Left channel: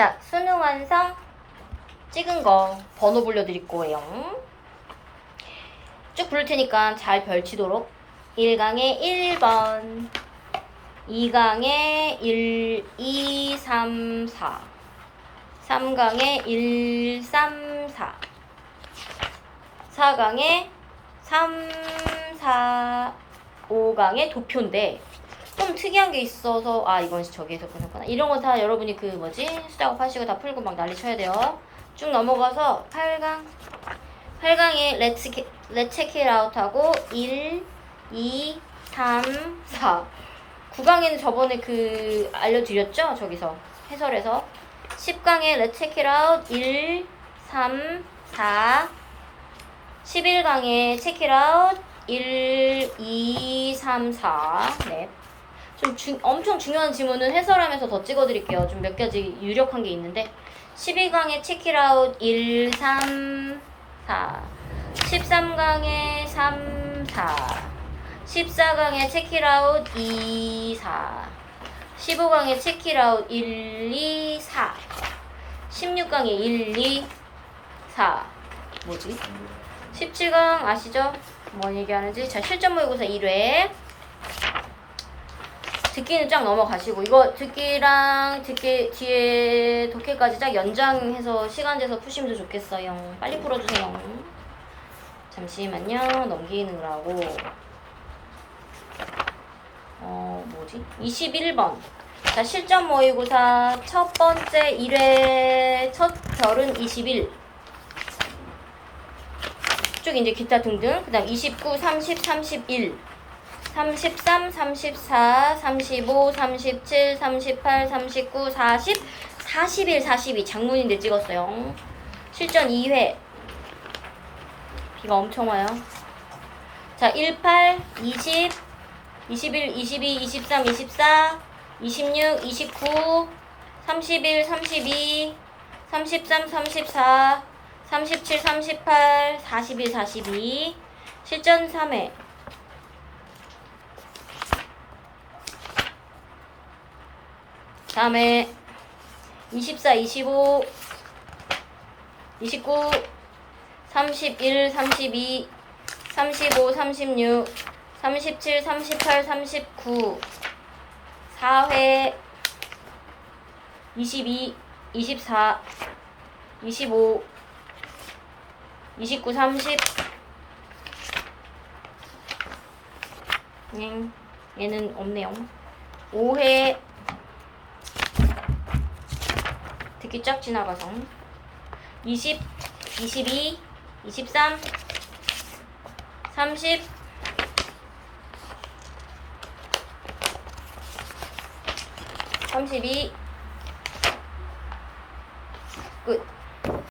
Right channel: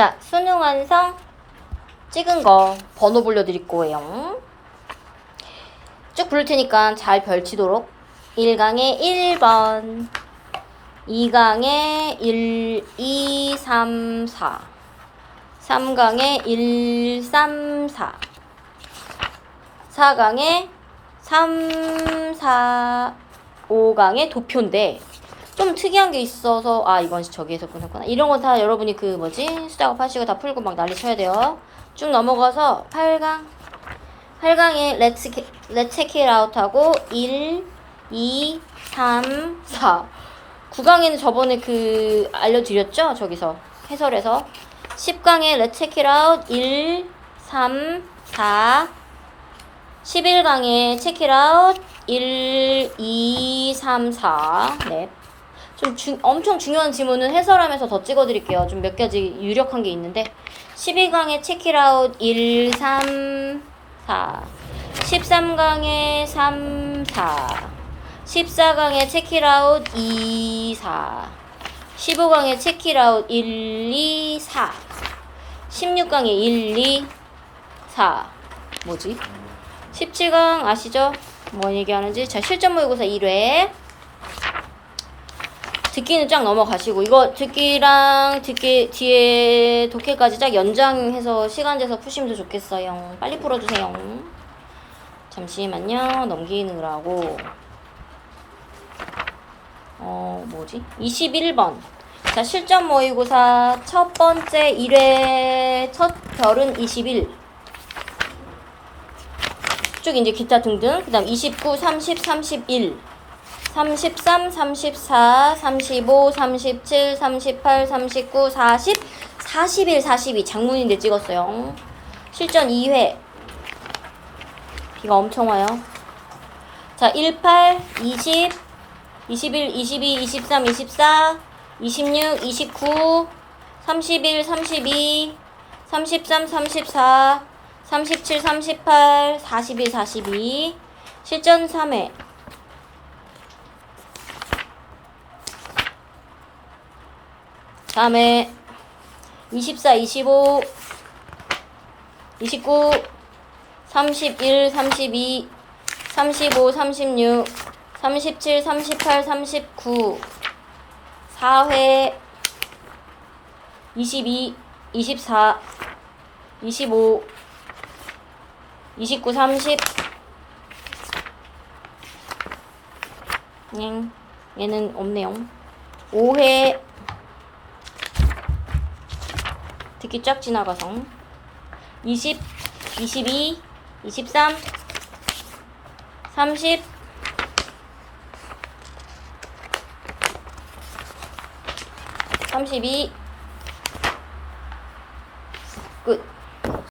자, 수능 완성. 찍은 거 번호 불러드릴 거예요. 쭉 부를 테니까 잘 별치도록. 1강에 1번 2강에 1, 2, 3, 4 3강에 1, 3, 4 4강에 3, 4 5강에 도표인데 좀 특이한 게 있어서 아 이건 저기에서 끊었구나. 이런 거다 여러분이 그 뭐지? 수작업 하시고 다 풀고 막 난리 쳐야 돼요. 쭉 넘어가서 8강. 8강에 Let's, Let's Check It Out 하고 1, 2, 3, 4 9강에는 저번에 그 알려드렸죠? 저기서 해설에서. 10강에 Let's Check It Out. 1, 3, 4 11강에 Check It Out. 1, 2, 3, 4 네. 좀 주, 엄청 중요한 지문은 해설하면서 더 찍어드릴게요. 좀 몇 가지 유력한 게 있는데. 12강에 체크 아웃 1, 3, 4 13강에 3, 4 14강에 체크 아웃 2, 4 15강에 체크 아웃 1, 2, 4 16강에 1, 2, 4 뭐지? 17강 아시죠? 뭐 얘기하는지? 자 실전 모의고사 1회 듣기는 쫙 넘어가시고 이거 듣기랑 듣기 뒤에 독해까지 쫙 연장해서 시간 돼서 푸시면 더 좋겠어요. 빨리 풀어주세요. 잠시만요. 넘기느라고. 어 뭐지? 21번. 자 실전 모의고사 첫 번째 1회 첫 별은 21. 쭉 이제 기타 등등. 그 다음 29, 30, 31. 33, 34, 35, 37, 38, 39, 40, 41, 42 장문인데 찍었어요. 실전 2회. 비가 엄청 와요. 자, 18, 20, 21, 22, 23, 24, 26, 29, 31, 32, 33, 34, 37, 38, 41, 42. 실전 3회. 다음에 24, 25, 29, 31, 32, 35, 36, 37, 38, 39, 4회, 22, 24, 25, 29, 30. 응, 얘는 없네요. 5회, 듣기 쫙 지나가서. 20, 22, 23, 30, 32, 끝.